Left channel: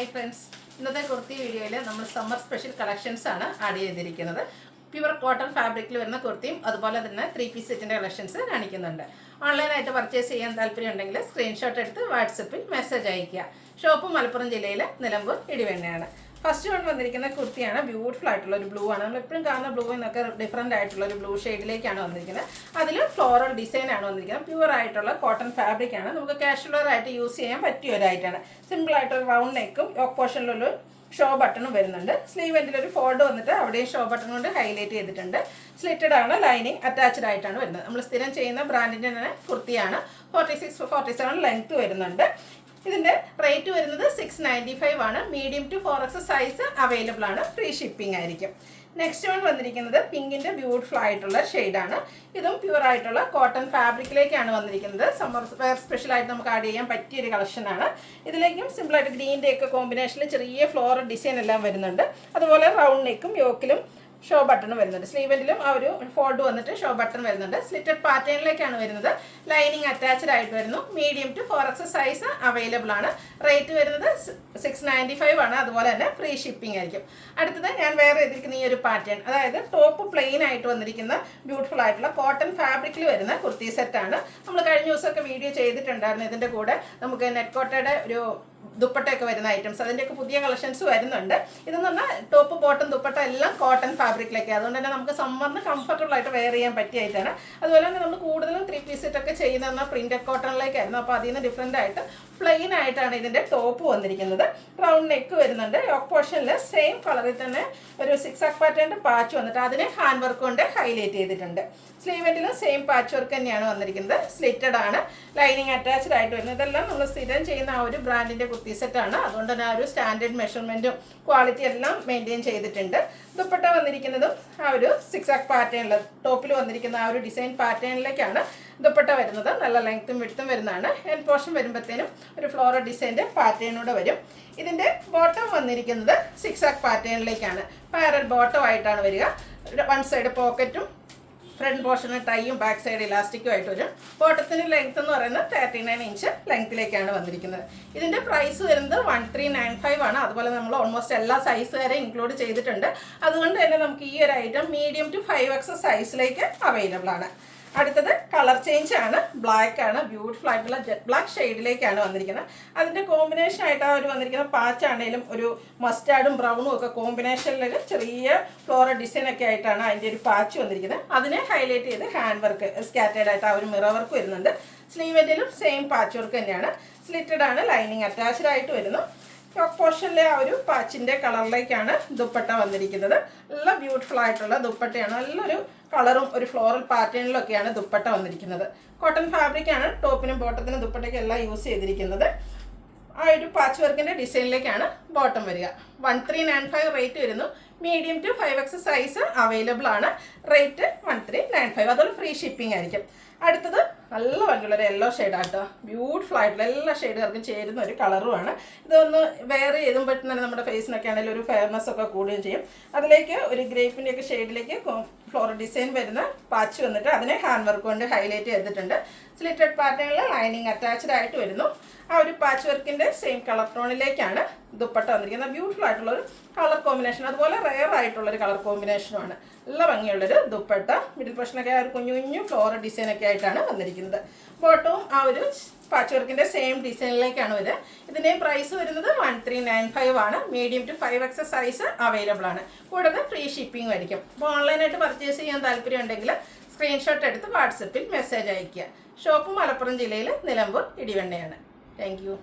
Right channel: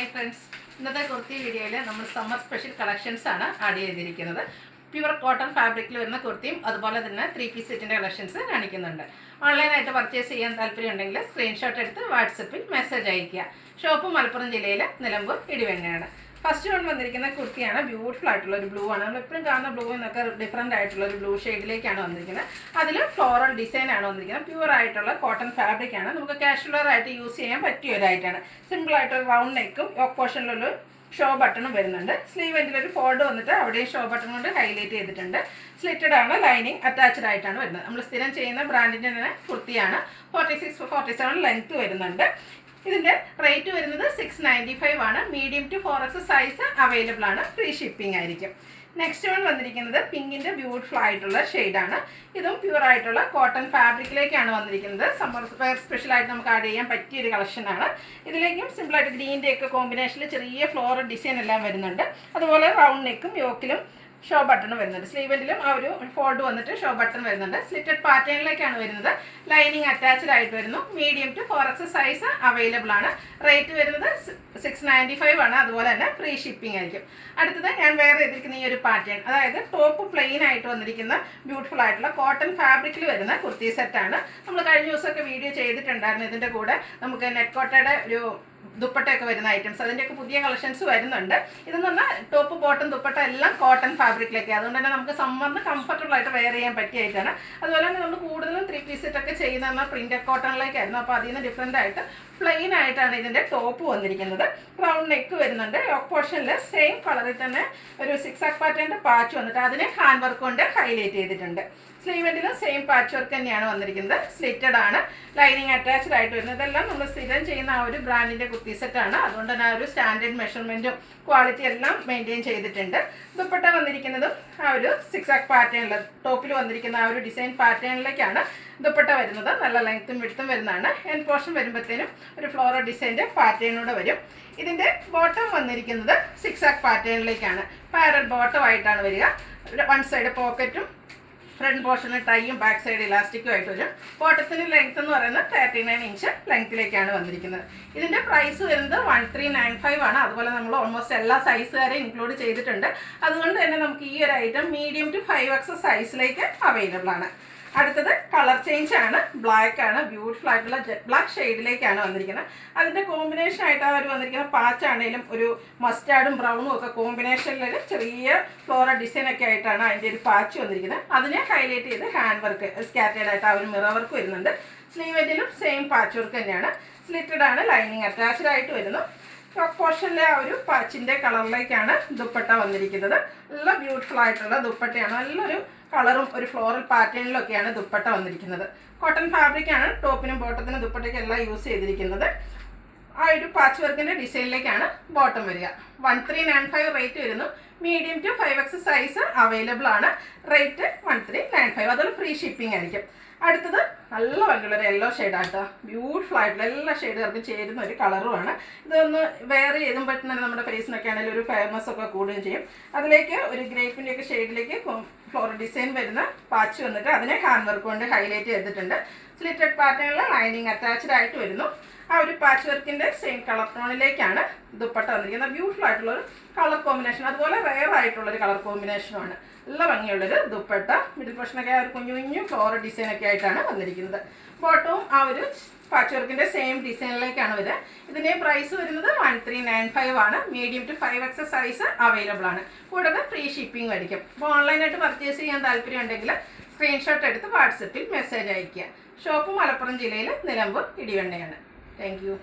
Hi friends, ഇന്നത്തെ കുർത്തി വീഡിയോയിൽ നമ്മൾ സമ്മർ സ്പെഷ്യൽ കളക്ഷൻസ് ആണ് ആഡ് ചെയ്തിരിക്കുന്നത്. പ്യുവർ കോട്ടൺ ഫാബ്രിക്കിൽ വരുന്ന കുർത്തിയും അതുപോലെ തന്നെ 3 പീസ് സെറ്റിൻ്റെ കളക്ഷൻസ് കാണിക്കുന്നുണ്ട്. ഓൺലൈനായിട്ട് പർച്ചേസ് ചെയ്യാൻ താല്പര്യമുണ്ടെങ്കിൽ സ്ക്രീൻഷോട്ട് എടുത്ത് വാട്സപ്പിൽ മെസ്സേജ് അയയ്ക്കുക. ഷോപ്പ് മലപ്പുറം ജില്ലയിലെ നിലമ്പൂർ ഇടിവണ്ണയാണ്. ഫസ്റ്റ് വൺ വന്നിരിക്കുന്ന കുർത്തിയാണ്. ബ്യൂട്ടിഫുൾ ആയിട്ടുള്ള ഒരു ബ്ലൂ ആണ്. നമ്മൾ എപ്പോഴും കാണുന്ന ബ്ലൂ എന്നൊക്കെ ഡിഫറെൻ്റ് ആയിട്ടുള്ള ഒരു ബ്ലൂ ഷെയ്ഡിലേക്കാണ് വന്നിരിക്കുന്നത്. അതിൽ ഫ്ലോറൽ ഡിസൈൻ ആണ് വന്നിരിക്കുന്നത്. പ്യുവർ ആയിട്ടുള്ള കോട്ടൺ ഫാബ്രിക് ആണ്. നമുക്ക് കാഷ്വലർ ആയിട്ട് യൂസ് ചെയ്യാൻ പറ്റിയ ഒരായിട്ടാണ്. സിമ്പിൾ ആയിട്ടൊരു റൗണ്ട് നെക്കും യോക്ക് പോർഷനിലൊരു ഷോ ബട്ടണും വരുന്നുണ്ട്. സ്ലീവ് എൻഡിലൊരു ഫോൾഡ് വന്നിട്ട് അവിടെയും ഷോ ബട്ടൺ കൊണ്ട് ഹൈലൈറ്റ് ചെയ്തിട്ടുണ്ട്. സ്ലിറ്റഡ് ആണ്, ലൈനിങ് അറ്റാച്ച്ഡ് ആയിട്ടാണ് വരുന്നത്. നമ്മൾ സ്ഥിരം ചെയ്യുന്ന ബ്രാൻഡിൻ്റെ തന്നെ കുർത്തിയാണ്. 46-47 ലെങ്ത് വരുന്നുണ്ട്. ഇതിൻ്റെ റേറ്റ് വരുന്നത് 695 ആണ്. Medium to 4X size available ആണ്. ഫ്രീ ഷിപ്പിംഗ് ആയിരിക്കും. നെക്സ്റ്റ് വൺ വന്നിരിക്കുന്നത് പിങ്കിൻ്റെ ബ്യൂട്ടിഫുൾ ആയിട്ടുള്ള ഷെയ്ഡാണ്. ഇതും പ്യുവർ ആയിട്ടുള്ള കോട്ടൺ ഫാബ്രിക്കിലേക്കാണ് വന്നിരിക്കുന്നത്. സമ്മർ വെയർ സ്പെഷ്യലായിട്ട് നമുക്ക് ആഡ് ചെയ്യാൻ പറ്റിയൊരു കളക്ഷനാണ്. ഇതിലേക്കും സിമ്പിളായിട്ട് ഗ്രീൻ്റെ ഒക്കെ കോമ്പിനേഷനിൽ ചെറിയ ഫ്ലോറൽ ഡിസൈൻ എല്ലാം വരുന്നുണ്ട്. അതുപോലെ റൗണ്ട് നെക്കും യോക്കിലും ഷോ ബട്ടൺ വരുന്നുണ്ട്. സ്ലീവെൻഡിലും ആ ഒരു ഫോൾഡ് വന്നിട്ട് ഷോ ബട്ടൺ വരുന്നുണ്ട്. സ്ലിറ്റഡ് പാറ്റേണിലേക്കാണ് വരുന്നത്. ലൈനിങ് അറ്റാച്ച്ഡ് ആയിട്ട് വരുന്നു. Medium to 4X size available ആണ്. റേറ്റ് വരുന്നത് 695 ആണ്. അതുപോലെ തന്നെ ഫ്രീ ഷിപ്പിംഗ് ആയിരിക്കും. അടുത്തത് ഞാൻ വേറെ ചെയ്തിരിക്കുന്ന ഈ ഒരു പാറ്റേൺ, അതായത് ടോപ്പ് പ്ലെയിൻ ആയിട്ട് വന്നിരിക്കുന്ന ബ്യൂട്ടിഫുൾ ആയിട്ടുള്ള കോട്ടൺ ഫാബ്രിക്കിൽ വരുന്ന കുർത്തി സെറ്റാണ്. നമ്മൾ കഴിഞ്ഞ ദിവസമൊക്കെ വീഡിയോ ചെയ്തിട്ടുണ്ടായിരുന്നു. ഇതിൻ്റെ കൂടെ നമുക്ക് നെറ്റ് കോട്ടയുടെ ഒരു ദുപ്പട്ടയൊക്കെ വരുന്ന ഐറ്റംസ്, അതിൻ്റെയൊക്കെ പുതിയ കളക്ഷൻസ് വരുന്നുണ്ട്. ഇതെന്ന് പറഞ്ഞാൽ ടോപ്പ് ബോട്ടം ദുപ്പട്ട എല്ലാം കോട്ടൺ ഫാബ്രിക്കിലേക്ക്, അതുകൊണ്ട് തന്നെ നമുക്ക് സമ്മറിന് കംഫർട്ടബിൾ ആയിട്ട് വെയർ ചെയ്യാൻ പറ്റിയായിട്ടാണ്. അതുപോലെ തന്നെ നമ്മൾ കൂടുതലും 3 പീസ് സെറ്റൊക്കെ ചെയ്യുന്ന പ്രിൻ്റഡ് കോട്ടണിലേക്കായിരുന്നു. അപ്പോൾ അതിൽ നിന്ന് ഡിഫറെൻ്റ് ആയിട്ട് പ്ലെയിൻ ആയിട്ടാണ് ഇതിൻ്റെ ടോപ്പ് വന്നിരിക്കുന്നത്. റൗണ്ട് നെക്ക് വരുന്നുണ്ട്. യോക്ക് പോർഷനിൽ സെയിം കളറിൽ തന്നെ ഒരു 6 പാറ്റേണിൻ്റെ പാച്ച് വന്നിട്ട് അതിനെ ഹാൻഡ് വർക്ക് കൊണ്ട് ഹൈലൈറ്റ് ചെയ്തിട്ടുണ്ട്. സ്ലീവെൻഡിലും സെയിം പാച്ച് വർക്ക് തന്നെയാണ് വന്നിരിക്കുന്നത്. സ്ലിറ്റഡ് ആണ്, ലൈനിങ് അറ്റാച്ച്ഡ് ആയിട്ട് വരുന്നത്. ഇതെല്ലാം നമ്മൾ സ്ഥിരം ചെയ്യുന്ന ആ ഒരു ബ്രാൻഡിൻ്റെ കുർത്തി സെറ്റാണ്. അതുകൊണ്ട് തന്നെ ആ ഒരു സ്റ്റാൻഡേർഡ് മെഷർമെൻറ്റും ക്വാളിറ്റി എല്ലാം മെയിൻറ്റെയിൻ ചെയ്തിട്ടുണ്ട്. ദുപ്പട്ട വന്നിരിക്കുന്നതും ആ ഒരു 6 പാറ്റേണിൽ ടോപ്പിൽ വന്നിരിക്കുന്ന ആ ഒരു ഡിസൈൻ പാറ്റേണിലേക്കാണ് ദുപ്പട്ട വരുന്നത്. നല്ല ലെങ്ത്തും വിഡ്ത്തും വരുന്നതാണ്. എൻ പോർഷൻ വരുമ്പോഴത്തേനും ഒരു ഫ്ലോറൽ ഡിസൈൻ്റെ പാറ്റേണൂടെ വരും. ഇതിൻ്റെ ബോട്ടം വന്നിരിക്കുന്നത് 6 പാറ്റേണിലേക്കാണ്. പാരൽ ബോട്ടം ആയിട്ടാണ് വരിക. വൺ സൈഡ് പോക്കറ്റും ഫ്രണ്ട് പോർഷന് ടൈയും ബാക്ക് സൈഡ് ഇലാസ്റ്റിക്കും ആയിട്ട് വരും. ബോട്ടത്തിന് ലെങ്ത് എന്ന് പറയുന്നത് 39 ഇഞ്ച് ലെങ്ത്തിലേക്കാണ് വന്നിരിക്കുന്നത്. ഇതിൻ്റെ പ്രൈസ് വരുന്നത് 1395 ആണ്. അതുപോലെ നമ്മൾ ഓൾമോസ്റ്റ് എല്ലാ സൈസുകാരെയും ഇൻക്ലൂഡ് ചെയ്തിട്ടുണ്ട്. അതുകൊണ്ട് തന്നെ നമുക്ക് ഈ ഒരു ഐറ്റം മീഡിയം ടു 5X സൈസിലേക്ക് അവൈലബിൾ ആണ്. അടുത്തത് കളർ ചേഞ്ച് ആണ്. ബ്ലാക്ക് ആണ്. ബ്യൂട്ടിഫുൾ ആയിട്ടുള്ള ജെറ്റ് ബ്ലാക്ക് ഷെയ്ഡിലേക്കാണ് വന്നിരിക്കുന്നത്. അതിൻ്റെ കോമ്പിനേഷൻ ആയിട്ട് അവർ വന്നിരിക്കുന്ന പാച്ചാണെങ്കിലും ഒരു മസ്റ്റാർഡും ബ്രൗണും ഒക്കെ കോമ്പിനേഷനിൽ ചെറിയ ഫ്ലോറൽ ഡിസൈനൊക്കെ ആയിട്ടാണ് അതിൻ്റെ ഒരു പാച്ച് വന്നിരിക്കുന്നത്. അതിനെ ഹൈലൈറ്റ് ചെയ്ത് ഹാൻഡ് വർക്ക് സ്കാറ്റേഡ് ആയിട്ട് ആ ഒരു മിറർ വർക്ക് വരുന്നുണ്ട്. സ്ലീവെൻഡിലും സെയിം പാച്ച് വർക്ക് തന്നെയാണ്. സ്ലിറ്റഡ് ആണ്, ലൈനിങ് അറ്റാച്ച്ഡ് ആയിട്ട് വരുന്നു. പോർഷനിലെ ആ ഒരു പാച്ചിൻ്റെ കളറിലേക്കാണ് ദുപ്പട്ട വന്നിരിക്കുന്നത്. നല്ല ബ്യൂട്ടിഫുൾ ആയിട്ടുള്ള ദുപ്പട്ടയാണ്. നല്ലൊരു കളറും ഒരു ഫ്ലോറൽ പാറ്റേണിലൊക്കെയാണ് ദുപ്പട്ട വന്നിരിക്കുന്നത്. കോട്ടൺ ഫാബ്രിക്കാണ് ടോപ്പിനും ബോട്ടത്തിനും ദുപ്പട്ടയ്ക്കും എല്ലാം യൂസ് ചെയ്തിരിക്കുന്നത്. ആ ഒരു പാച്ച് വർക്കിൻ്റെ ഡിസൈനിലേക്കാണ് ബോട്ടം വരിക. 1395 റേറ്റ് വരുന്നു. Medium to 5X size available ആണ്. റേറ്റ് 1395. അതുപോലെ ഫ്രീ ഷിപ്പിംഗ് ആയിരിക്കും. അടുത്തത് നല്ല ഭംഗിയുള്ളൊരു യെല്ലോ ഷെയ്ഡാട്ടോ. ബ്യൂട്ടിഫുൾ ആയിട്ടുള്ള എല്ലാ ഷെയ്ഡുകാർക്കും ചേരുന്ന ഒരു കളറുമാണ്. ഇതൊന്ന് വെയർ ചെയ്യുമ്പോഴത്തേക്കും തന്നെ നമ്മുടെ ഫേസിനൊക്കെ ആണെങ്കിലും ഒരു ഫെയർനെസ് ഒക്കെ കൂടുകയും ചെയ്യും. അതിലേക്ക് ഒരു ഗ്രേപ്പിൻ്റെയൊക്കെ ഷെയ്ഡിലേക്ക് ഫ്ലോറൽ ഡിസൈൻ വരുന്ന പാച്ച് വന്നിട്ട് അതിനെ ഹാൻഡ് വർക്ക് കൊണ്ട് ഹൈലൈറ്റ് ചെയ്തിട്ടുണ്ട്. സ്ലിറ്റഡ് പാറ്റേണിൽ ലൈനിങ് അറ്റാച്ച്ഡ് ആയിട്ട് വരുന്നു. ആ ഒരു പാച്ച് വർക്കിൻ്റെ സെയിം കളർ ടോണിലേക്കാണ് ദുപ്പട്ട വന്നിരിക്കുന്നത്. ബ്യൂട്ടിഫുൾ ആയിട്ടുള്ളൊരു കളർ കോമ്പിനേഷൻ, അതുപോലെ റെയർ ആയിട്ടുള്ളൊരു കളർ കോമ്പിനേഷനുമാണ്. നല്ല ഭംഗിയുള്ളൊരു ദുപ്പട്ട. മിഡിൽ പോർഷനൊക്കെ ആ ഒരു കുഞ്ഞു കുഞ്ഞു ഫ്ലോറൽ ഡിസൈനൊക്കെ ആയിട്ടാണ് വന്നിരിക്കുന്നത്. ബോട്ടവും ആ ഒരു പാച്ച് വർക്കിൻ്റെ സെയിം ഡിസൈനിലേക്കാണ് വരുന്നത്. ഇതിൻ്റെ പ്രൈസ് വരുന്നത് 1395 ആണ്. Medium to 5X size available ആണ്. കൂടാതെ ഫ്രീ ഷിപ്പിംഗ് ആയിരിക്കും. അപ്പോൾ ഓൺലൈനായിട്ട് പർച്ചേസ് ചെയ്യാൻ താല്പര്യമുണ്ടെങ്കിൽ സ്ക്രീൻഷോട്ട് എടുത്ത് വാട്സപ്പിൽ മെസ്സേജ് അയയ്ക്കുക. ഷോപ്പ് മലപ്പുറം ജില്ലയിൽ നിലമ്പൂർ ഇടിവണ്ണയാണ്. Thank you.